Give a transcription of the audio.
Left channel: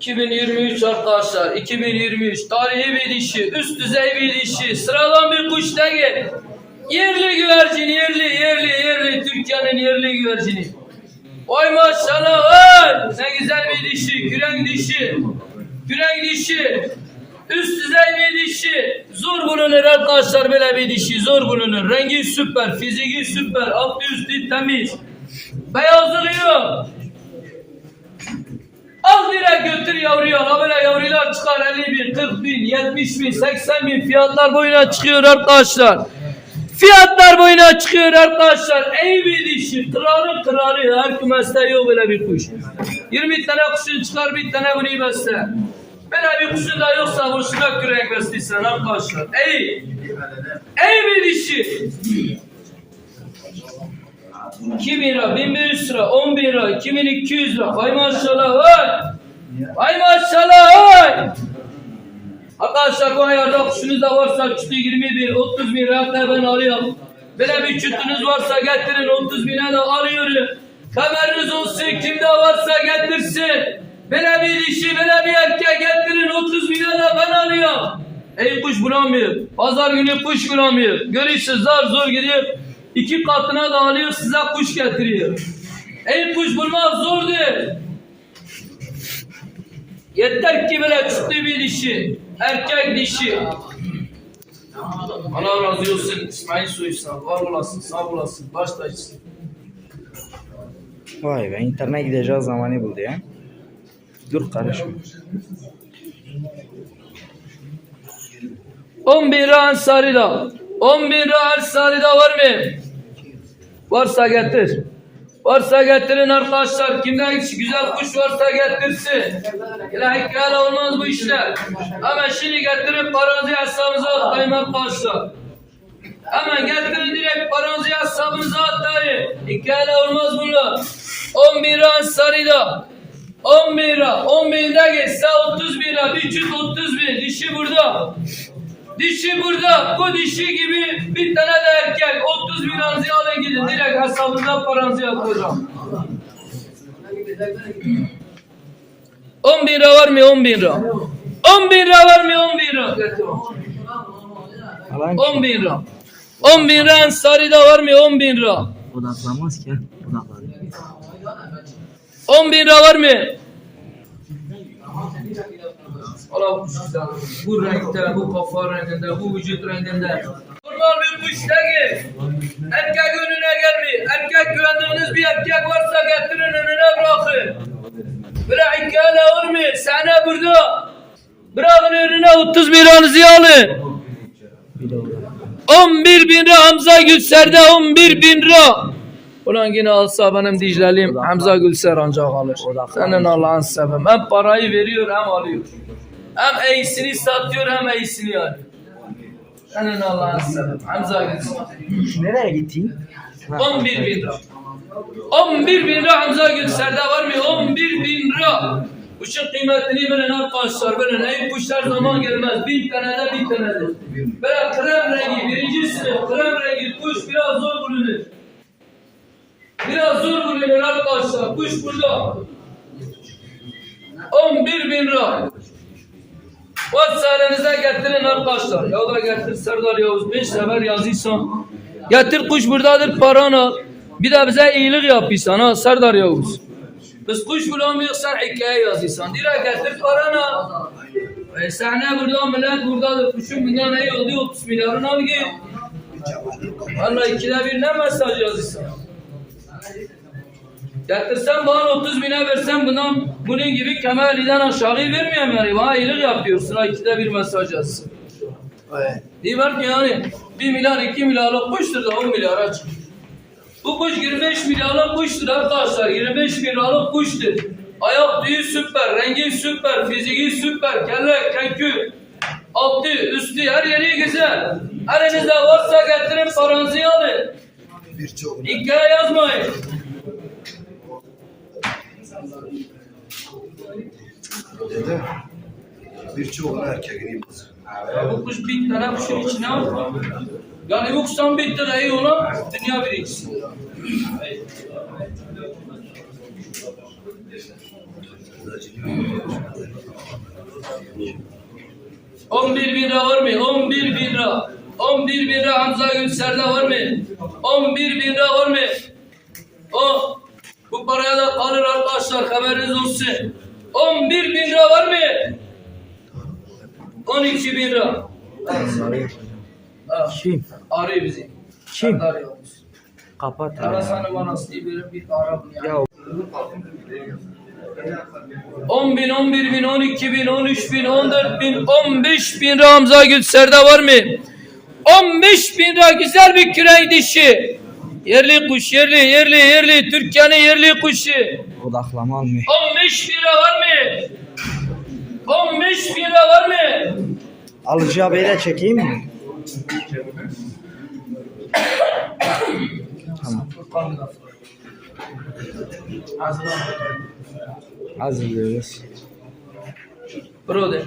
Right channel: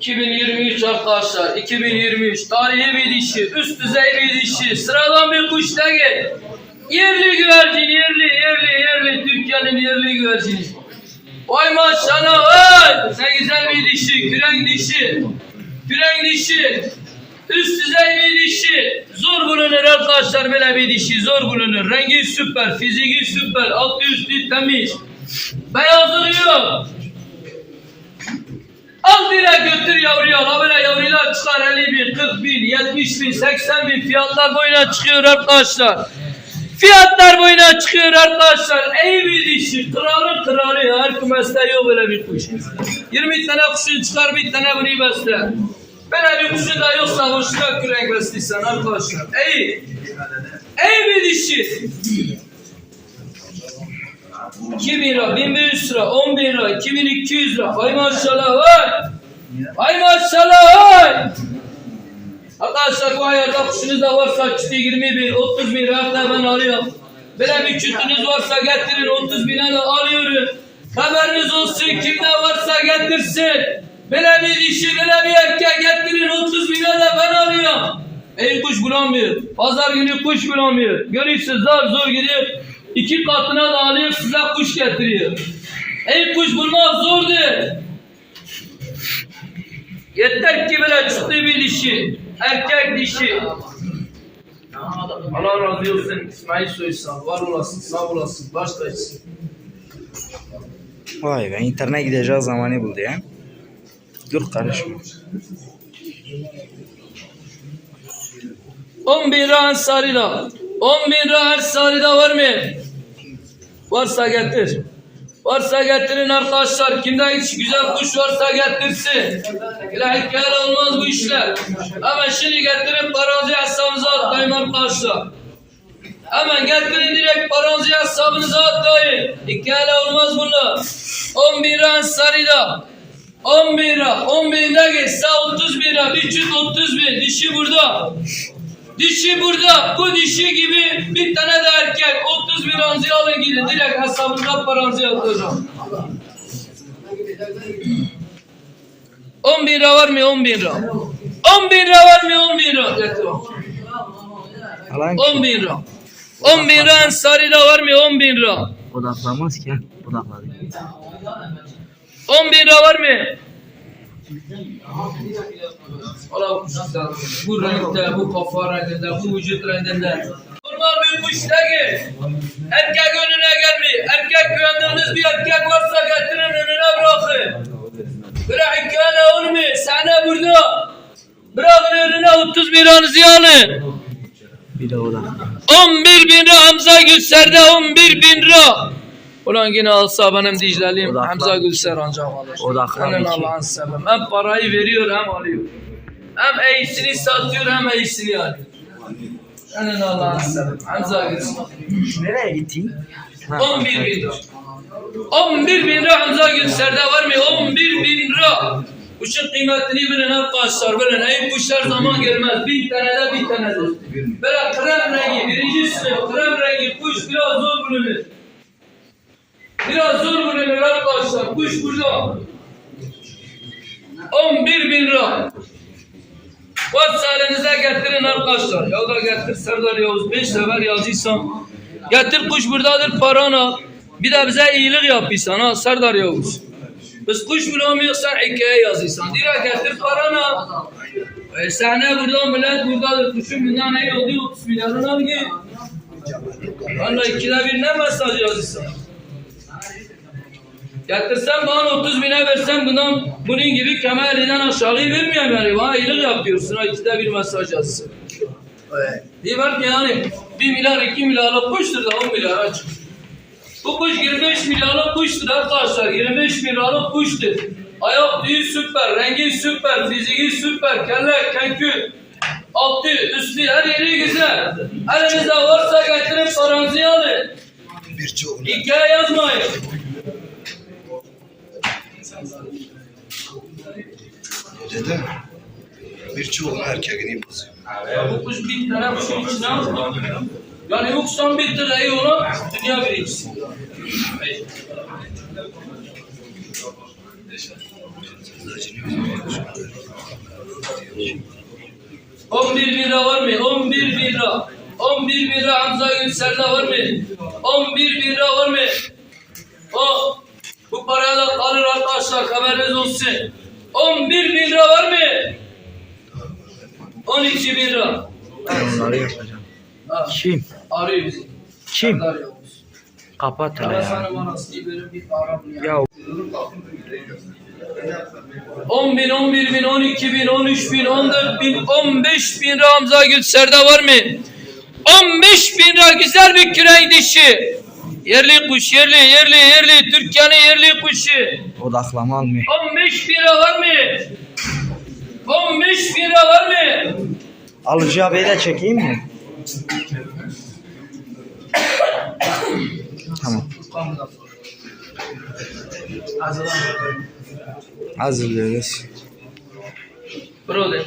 2023 arkadaşlar 2023 tarihi bir dişi üst düzey bir dişi. Sıradan bir kuş değil. Yerli güvercin yerli yerli yerli. Türkiye'nin yerli güvercini. Vay maşallah vay ne güzel bir dişi kürenk dişi. Kürenk dişi. Üst düzey bir dişi. Zor bulunur arkadaşlar böyle bir dişi zor bulunur. Rengi süper fiziki süper altı üstü temiz. Beyazlığı yok Al direkt götür yavruyu al. Ha Böyle yavrular çıkar 50 bin, 40 bin, 70 bin, 80 bin fiyatlar boyuna çıkıyor arkadaşlar. Fiyatlar boyuna çıkıyor arkadaşlar. Ey bir dişi, kralı kralı. Her kümeste yok böyle bir kuş. 20 tane kuşun çıkar, bir tane bunu besle. Böyle bir kuşun da yoksa boşuna kürek besliysen arkadaşlar. Ey, ey bir dişi. 2000 lira, 1500 lira, 10 bin lira, 2200 lira. Vay maşallah vay. Vay maşallah vay. Arkadaşlar bu ayarda kuşunuz da varsa çıtı 20 bin, 30 bin lira hatta ben alıyorum. Böyle bir çıtınız varsa getirin 30 bine de alıyorum. Haberiniz olsun kimde varsa getirsin. Böyle bir dişi, böyle bir erkek getirin 30 bine de ben alıyorum. Ey kuş bulamıyor. Pazar günü kuş bulamıyor. Görüyorsunuz zar zor gidiyor. İki katına da alıyor size kuş getiriyor. Ey kuş bulmak zordur. Yeter ki böyle çıktı bir dişi. Erkek dişi. Allah razı olsun İsmail Soysan. Var olasın, sağ olasın, baş tacısın. Vay be internete gideceği zamanı buldu ya. Dur karışma. 10 bin lira Ansari'da. 10 bin lira Ansari'da var mı? Varsa getir. Varsa getirin arkadaşlar. Kimde hiç güzel kuş varsa getirsin. İlahi olmaz bu işler. Ama şimdi getirin paranızı hesabınıza atlayın arkadaşlar. Hemen getirin direkt paranızı hesabınıza atlayın. Hikaye olmaz bunlar. 10 bin lira Ansari'da. 10 bin lira. 10 bin lira geçse 30 bin lira. Bir çift 30 bin. Dişi burada. Dişi burada. Bu dişi gibi bir tane de erkek. 30 bin ranzı alın gidin. Direkt hesabınıza paranızı yatıracağım. 10 bin lira var mı? 10 bin lira. 10 bin lira var mı? 10 bin lira. Getir bak. Alan 10 bin lira. 10 bin lira Ansari'de var mı? 10 bin lira. odaklanmaz ki. Odakladı. 10 bin lira var mı? Allah bu renkte, bu kafa renginde, bu vücut renginde. Normal bir kuş değil. Erkek önüne gelmiyor. Erkek güvendiğiniz bir erkek varsa getirin önüne bırakın. Böyle hikaye olmuyor. Sana burada. Bırakın önüne 30 bin liranızı alın. Bir de odak. 11 bin lira Hamza Gülser'de 11 bin lira. Ulan yine alsa benim Odaklan. Hamza Gülser ancak alır. Senin. Allah'ın sevim. Hem parayı veriyor hem alıyor. Hem iyisini satıyor hem iyisini alıyor. Senin Allah'ın sevim. Hamza Gülser. Nereye gittin? 11 bin lira. 11 bin lira Hamza Gülser'de var mı? 11 bin lira. Kuşun kıymetini bilin arkadaşlar bilin. Ey kuşlar zaman gelmez. Bir tane de bir tane de. Böyle krem rengi, birinci sınıf krem rengi kuş biraz zor bulunur. Biraz zor bulunur arkadaşlar. Kuş burada. 11 bin lira. Elinize getirin arkadaşlar. Ya da getir Serdar Yavuz. Beş sefer yazıysan. Getir kuş buradadır paranı. Bir de bize iyilik yapıysan ha Serdar Yavuz. Biz kuş bulamıyorsan hikaye yazıysan. Direkt getir paranı. E sahne burada millet buradadır. Kuşun bundan iyi oldu 30 milyarın git. Valla ikide bir ne mesaj yazıysan. Getirsen bana 30 bine versen bundan bunun gibi Kemal'iden aşağı vermiyorum yani. Bana iyilik yapıyorsun ha ikide bir mesaj yazsın. Diyor ki yani 1 milyar 2 milyarlık kuştur da 10 milyara çık. Bu kuş 25 milyarlık kuştur arkadaşlar. 25 milyarlık kuştur. Ayak tüyü süper, rengi süper, fiziki süper, kelle, kenkü, altı, üstü, her yeri güzel. Elinizde varsa getirin paranızı alın. Hikaye yazmayın. Dedim. Birçoğunu erkeğini bozuyor. Ya bu kuş bir tane kuşun içine al. Yani yoksa bir iyi olan dünya birincisi. 11 bin lira var mı? 11 bin lira. 11 bin lira Hamza Gülser'de var mı? 11 bin lira var mı? O bu paraya da kalır arkadaşlar haberiniz olsun. 11 bin lira var mı? 12 bin lira. Onları yapacağım. Ha, Kim? arıyor bizi. Kim? Yavuz. Kapat hele ya. Ya 10 bin, 11 bin, 12 bin, 13 bin, 14 bin, 15 bin lira Hamza Gülser'de var mı? 15 bin lira güzel bir kürek dişi. Yerli kuş, yerli, yerli, yerli. Türkiye'nin yerli kuşu. odaklama almıyor. 15 bin lira var mı? 15 bin lira var mı? Alıcı abiyi de çekeyim mi? Tamam. Hazırlıyoruz. Brother.